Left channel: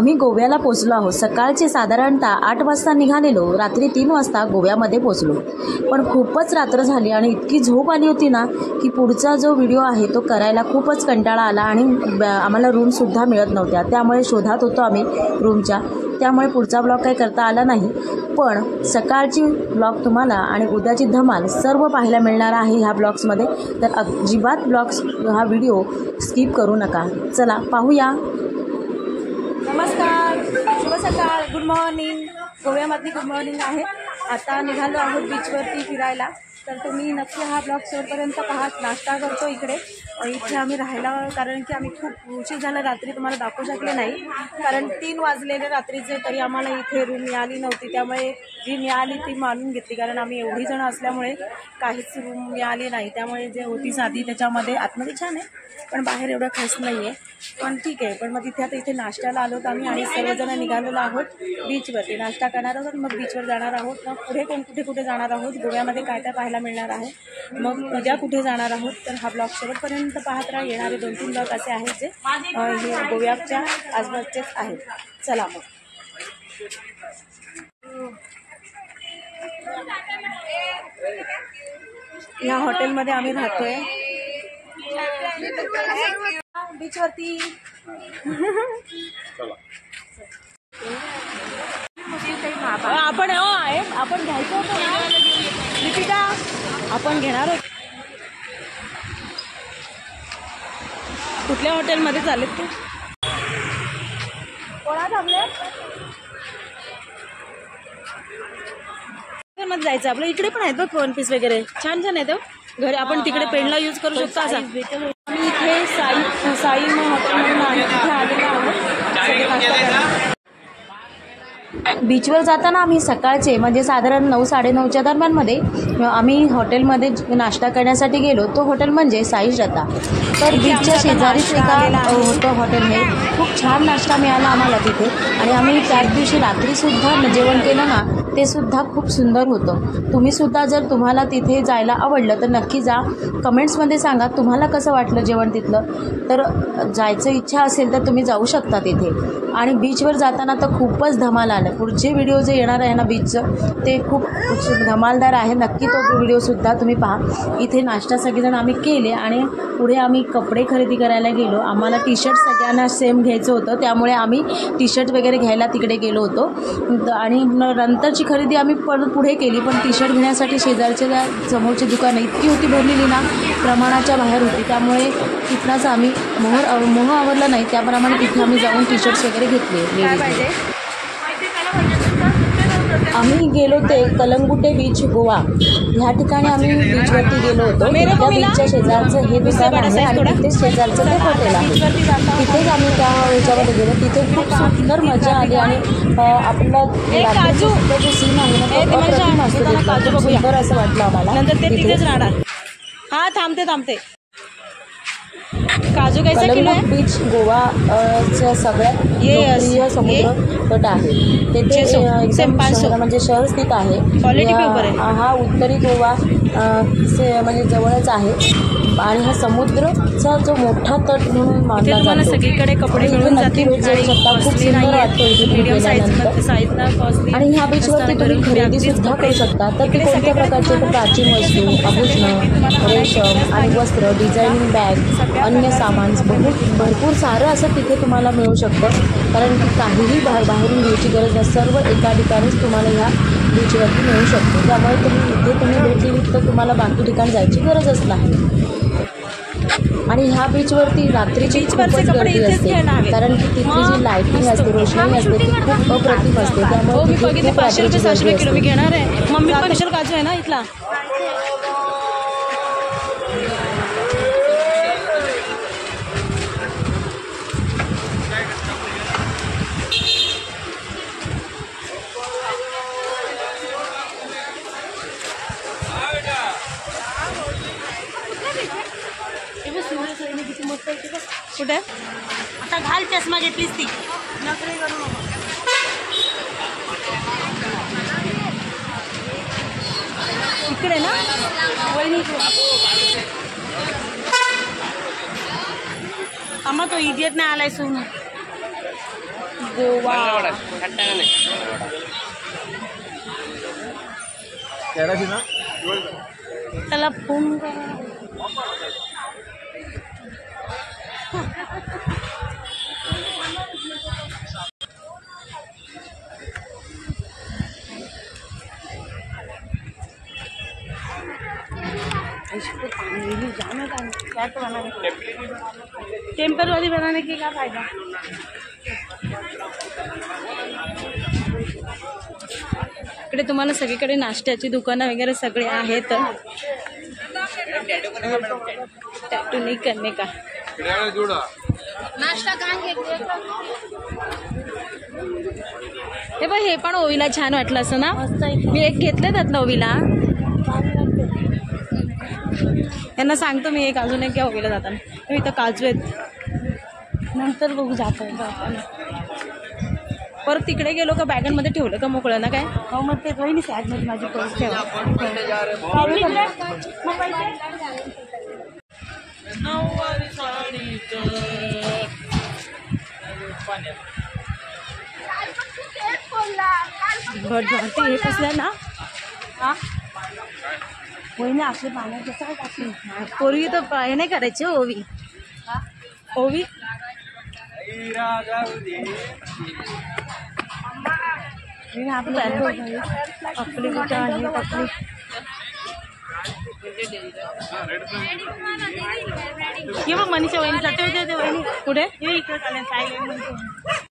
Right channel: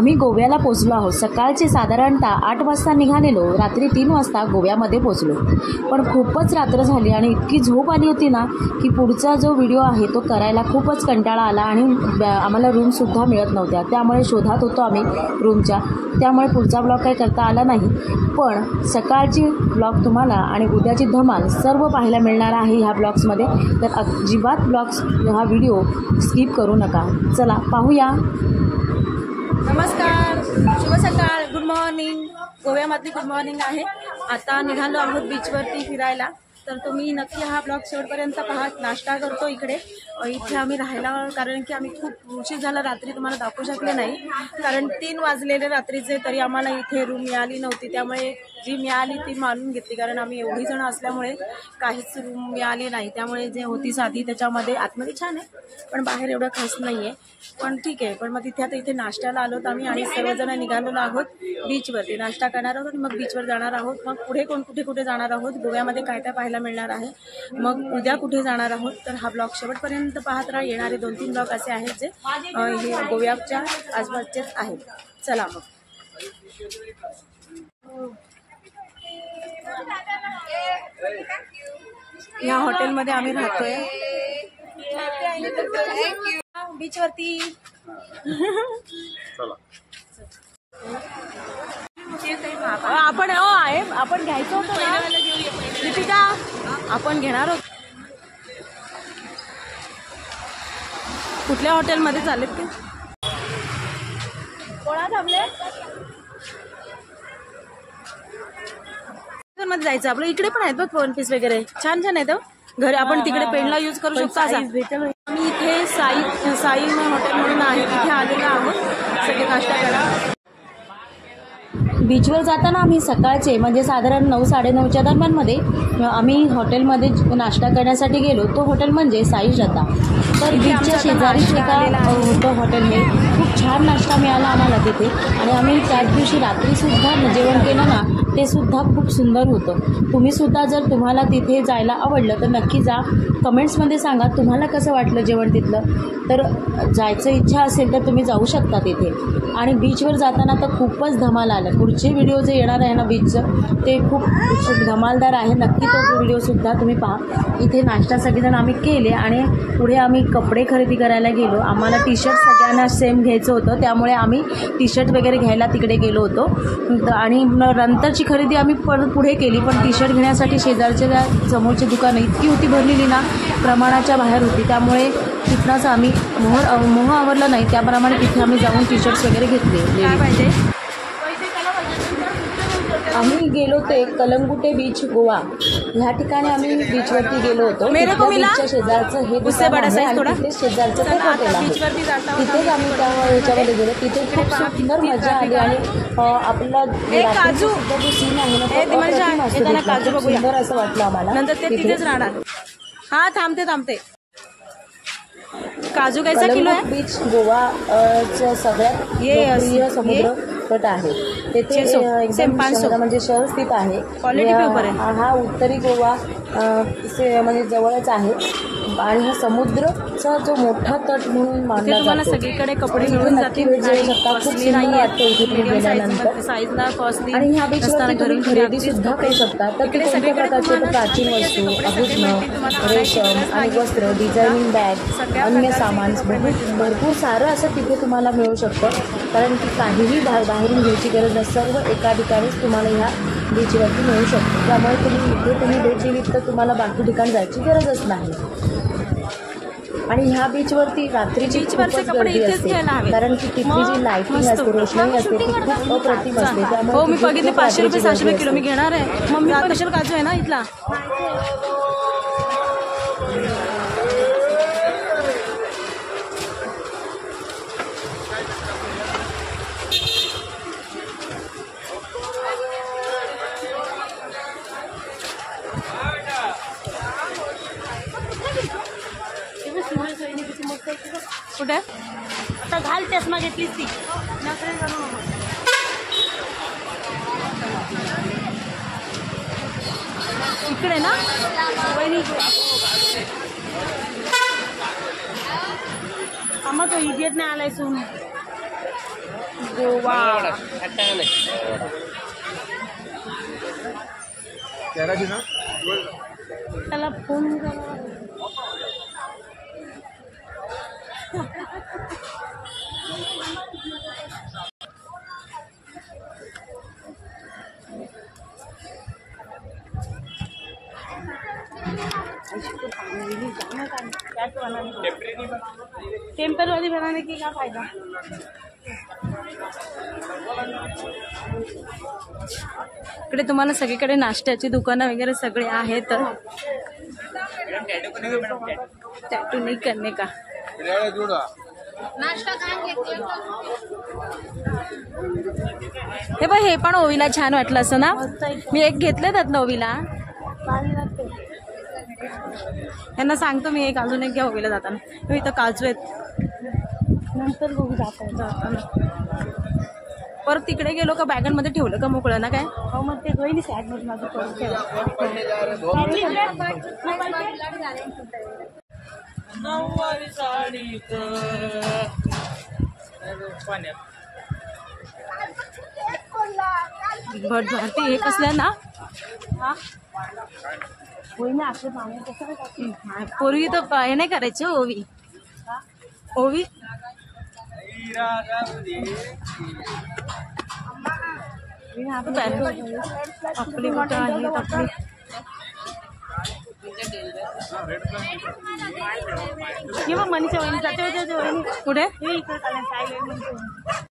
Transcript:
आम्ही गोव्याला पोचलो आहोत। सकाळचे साधारणतः 8 वाजता निघालेलो, रात्री 3 वाजता गोव्यामध्ये पोचलो। पण खूपच रात्र झाली आणि इतकी झोप आली होती ना की पुढचा जो व्हिडिओ आहे तो करायला खूपच कंटाळा आला आणि आम्हाला रूमसुद्धा मिळत नव्हत्या। त्यामुळे शोधात होतो आम्ही रूमच्या, त्यामुळे पुढचा ब्लॉग काही करता आला नाही। पण सकाळची ब्लॉग तुम्हाला आणि उद्याची धमाल सर्व पाहायला मिळणार आहे ह्या ब्लॉग्समध्ये, तर अजिबात ब्लॉग्स हा व्हिडिओ स्किप करू नका। चला पाहूया। नमस्कार, शुभ सकाळ, गुड मॉर्निंग। गोव्यामधली गुड मॉर्निंग आहे। आता निघालो आहोत बीचवरती फिरायला, तर तुम्ही नक्की हा ब्लॉग शेवटपर्यंत पहा। नाश्ता करतो इथे आम्ही राहायला, कारण की आम्ही खूप उशीर झाला, रात्री तुम्हाला दाखवू शकले नाही कारण 3 वाजलेले रात्रीचे, तरी आम्हाला इथे रूम मिळाली नव्हती। त्यामुळे जी मिळाली ती मानून घेतली, कारण आम्ही एवढी जण असल्यामुळे काहीच रूम मिळाली नाही। त्यामुळे जे होती साधी त्याच्यामध्ये आतमध्ये छान आहे पण बाहेर एवढं खास नाही आहे, पण ठीक आहे। पण मग इथे नाश्त्याला आलोत आम्ही आणि सर्वजण निघालेलो आहोत बीचवरती। नाश्ता करणार आहोत, मग बीचवर जाणार आहोत, मग पुढे कुठे जाणार आहोत, गोव्यामध्ये काय काय पाहायला मिळणार आहे, मग उद्या कुठे जाणार आहोत, तर हा ब्लॉग शेवटपर्यंत पाहत राहा। येणारे 2-3 ब्लॉग असे आहेत जे हे गोव्याच्या आसपासचेच आहेत। चला मग। या हॉटेलमध्ये आम्ही राहतोय बीचवरती। आपण घ्यायचं होतं ना दीपिका, आपण घेणार होतो। कुठल्या हॉटेलमध्ये चालेत ते? कोणा थांबले? मध्ये जायचं आपलं। इकडे पण आहेत बघ वन पीस वगैरे, छान छान आहेत घरी, आपण तिकडे पेंडला यूज करू शकतो असा। आम्ही इथे साई हॉटेल म्हणून आहे, तिथे आलेलो आहोत सगळे नाश्ता करायला। बीचवर जाताना आम्ही सकाळचे म्हणजे साधारण 9-9:30च्या दरम्यानमध्ये आम्ही हॉटेलमध्ये नाश्ता करण्यासाठी गेलो। तो हॉटेल म्हणजे साई श्रद्धा, तर बीचच्या शेजारीच होतं हॉटेल। हे खूप छान नाश्ता मिळाला आम्हाला तिथे, आणि आम्ही त्याच दिवशी रात्रीसुद्धा जेवण केलं ना, ते सुद्धा खूप सुंदर होतं। तुम्हीसुद्धा जर तुम्हाला तिथे जायला आवडलं तर नक्की जा, कमेंट्समध्ये सांगा तुम्हाला कसं वाटलं जेवण तिथलं। तर जायचं इच्छा असेल तर तुम्ही जाऊ शकता तिथे। आणि बीचवर जाताना तर खूपच धमाल आलं। पुढचे व्हिडिओ जे येणार आहे ना बीचचं, ते खूप धमालदार आहे, नक्की तो व्हिडिओसुद्धा तुम्ही पहा। इथे नाश्ता सगळेजण आम्ही केले आणि पुढे आम्ही कपडे खरेदी करायला गेलो। आम्हाला टी शर्ट सगळ्यांना सेम घ्यायचं होतं, त्यामुळे आम्ही टी शर्ट वगैरे घ्यायला तिकडे गेलो होतो। आणि नंतरची खरेदी आम्ही पुढे केली, पण टी शर्ट घेण्यासाठी शेजारच्या समोरची दुकानं इतकी होती भरलेली ना, प्रमाणाच्या बाहेर होती। त्यामुळे तिथनंच आम्ही मोह आवरला नाही, त्याप्रमाणे तिथे आम्ही जाऊन टी शर्ट्स वगैरे घेतले। काय पाहिजे? आम्ही गेलो ते कलंगुटे बीच गोवा, ह्या ठिकाणी आम्ही बीचवरती गेलो होतो। बीचच्या शेजारचं हे दुकान आहे आणि तिथे शेजारचं ते हॉटेल आहे, तिथेच आम्ही त्या ह्याच्यामध्ये गेलो। तिथे खूप सुंदर मजा आली आणि आपला जो सीन आहे ना तो सुंदर असं वाटलं आम्हाला। नंतर ते तिथेच राहणार। हा थांबते। काजू कैसा किलो आहे? बीच गोवा सगळ्यात लोकप्रिय समुद्र तट आहे, तेथे एकदम म्हणजे शहर स्थित आहे। क्वालिटी पे ऊपर आहे। हा उत्तरी गोवा म्हणजे जवळच आहे आणि हा समुद्रचा जो मोठा तट म्हणून मानला जातो। तुम्हाला सगळीकडे कपडे मिळून जातील, खूप सुंदर वाटतं इथे तुम्ही गेल्यानंतर। आणि ह्या बीचवरती तुम्ही खरेदी सुद्धा करू शकता। तर ते कोणत्या प्रकारचे, तर प्राचीन वस्तू, आभूषणं, रेशम आणि वस्त्र, डिझायनिंग बॅग, अन्य सामान, भरपूर सारं असं तिथे तुम्हाला मिळू शकतं, कारण की काहीही बाहेरून घ्यायची गरज नाही, सर्व एका ठिकाणीच तुम्हाला ह्या बीचवरती मिळू शकतो। त्यामुळे तुम्ही भेट दिली तर तुम्हाला बाकी ठिकाणी जायची गरजच नाही। आणि ह्या बीचवरती रात्रीची खूपच गर्दी असते, कारण की तिथली जी लाईटिंग असते, रोषणाई असते ती खूप अप्रतिम असते। त्यामुळे 500 रुपये 600 रुपये किलो मी घेणार आहे। मम्मी स्पेशल काजू आहे ना इथला। कुठे आता घाल चष्मा घेतलीस ती इकडे ना आम्हा तो इडियट नाही आलाय सोनू। गोवा त्याला फोन टेम्पररी बनाने की क्या फायदा। इकडे तुम्हाला सगळीकडे नाश्त्याची दुकानं वगैरे सगळे आहेत। टॅटू नाही करणे का हे बघ हे पण ओवीला छान वाटलं असं ना। मी एक घेतले त्यातलं ओवीला यांना सांगतो मी एक अजून एक घ्या ओवीला जाताना। इथं काजू आहेत नंतर बघू जाताना परत तिकडे गेलो का बॅगांमध्ये ठेवलं का मोकळं ना काय हो मग ते होईल सॅगमध्ये माझी पर्स ठेवा। भट भारती हे कसलं ना पूर्वी तर हे नाही करायचे ओवी ओवी आपली कुठं आहेत आपली मनीषा वहिनी कुठे